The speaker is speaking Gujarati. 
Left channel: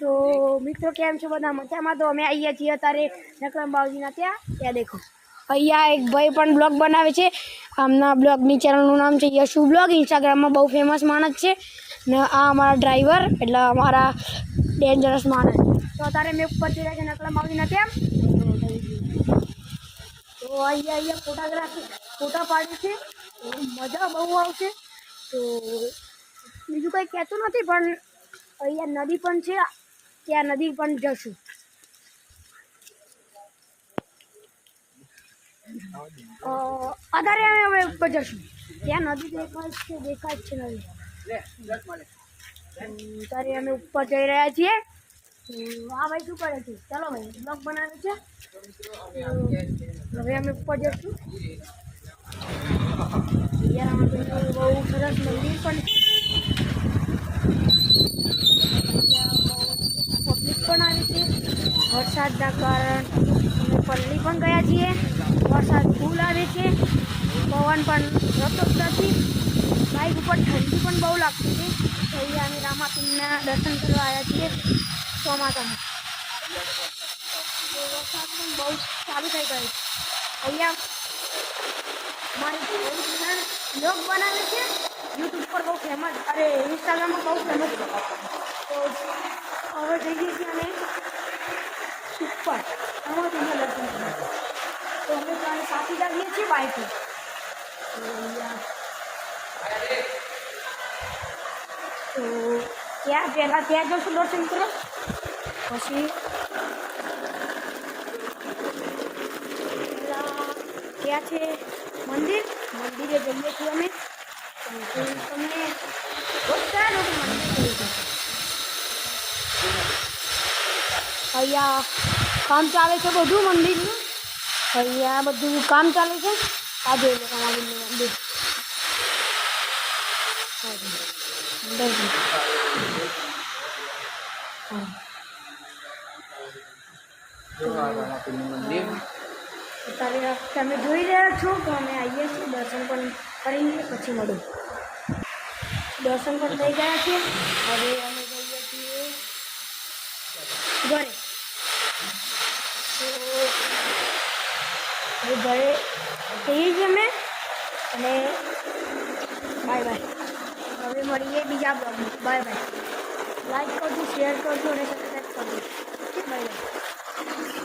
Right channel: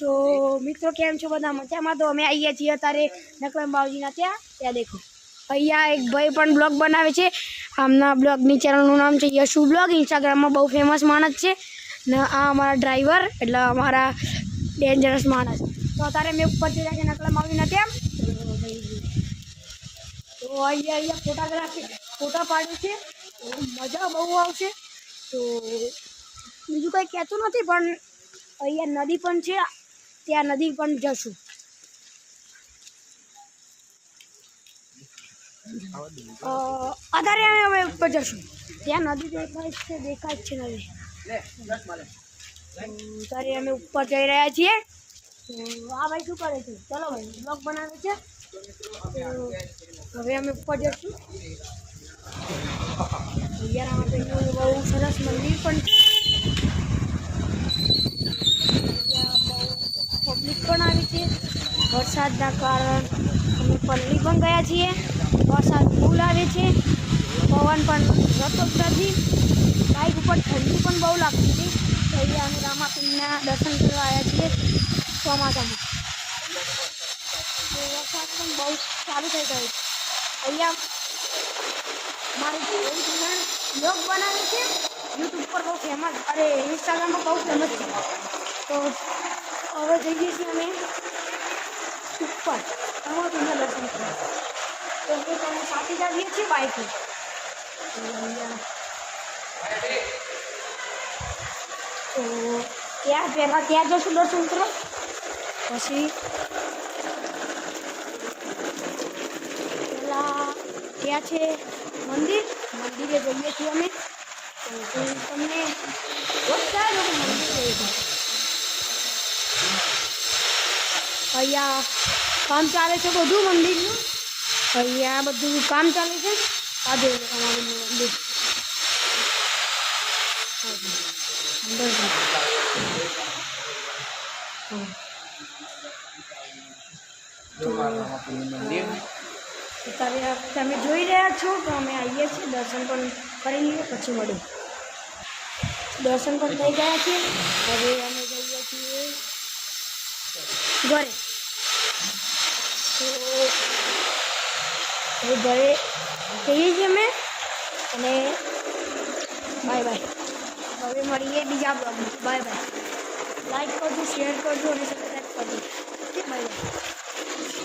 તો મિત્રો કેમ છો બધા મજામાં? તો અમે આવીએ છીએ અત્યારે નકરમ બાવજીના ત્યાં દેખો અહીંયા એક ભાઈ પણ બ્લોગ બનાવે છે. આમના બ્લોગની ચેનલનું નામ છે યશુ બ્લોગ. ઇન્સ્ટાગ્રામમાં બહુ ફેમસ માણસ છે ને આ અમારા ડ્રાઈવર એટલે અમારા ડેન્જરસ માણસ. તો અત્યારે મેં ઉપર જઈ રહ્યા છે નકરમ બાવજીના ત્યાં. તો અહીંયા ફોટા પાડે છે. મજા બહુ આવશે. તો બીજું કંઈ કહેતું નથી પણ અહીંયા નદી પણ છે, ત્યાં નદી પણ જશું. અત્યારે અમે ઉપર જશું, ત્યાં નદી દેખાય જ છે નદી. અત્યારે અમે ઉપર જઈ રહ્યા છીએ. આ ભાઈ શું કરે છે? ચલો ભાઈ બ્લોગ બનાવે છે. હવે અમે ઉપર જશું. બહુ સરસ મંદિર પણ છે. પબ્લિક પણ આવી છે. વરસાદના કારણ અમે પલ્લી પણ ગયા છીએ. વરસાદ ફૂલ આવે છે, પવન પણ રહેતો જ નથી. બાઇક ઉપર ઠંડી પણ બહુ લાગતી હતી. તો અહીંયા અમે રામાપીરના દર્શન કરવા આવ્યા છીએ ચોમાસામાં. વરસાદ પણ બહુ ચાલુ થઈ ગયો છે. અહીંયા મારી બ્લોગ બનાવે છે, યુટ્યુબ પર બહુ ફેમસ, અરે ઇન્સ્ટાગ્રામમાં બહુ ફેમસ છે. તો હવે જઈએ છીએ અમે ઉપર રામાપીરના દર્શન કરવા. તો અમે ત્યાં સાથે જ આવીએ છીએ બાઇકથી. તો ત્યાં પહેલાં ત્યાં જશું દર્શન કરવા. પછી ત્યાં છે મંદિર, મંદિરે જઈએ છીએ અમે. તમને બતાવો કે મંદિર કયું છે. અહીંયા કામ ચાલે છે બધું મંદિરનું. અહીંયા બધું કામ ચાલે છે. આ જોઈ લો રામાપીરનું મંદિર. અત્યારે તમે જોઈ રહ્યા છો કે અમે આવીએ છીએ, દર્શન પણ કરી લઈએ પછી મળું. દર્શન પણ થઈ ગયા છે. હવે અમે જઈએ છીએ ઘરે. તો હવે ઘરે જઈએ છીએ અમે અને બાય બાય. હવે મળીએ બીજા બ્લોગમાં. Bye bye. લાઈક કરજો, શેર કરજો અને સબસ્ક્રાઈબ કરજો. Bye bye.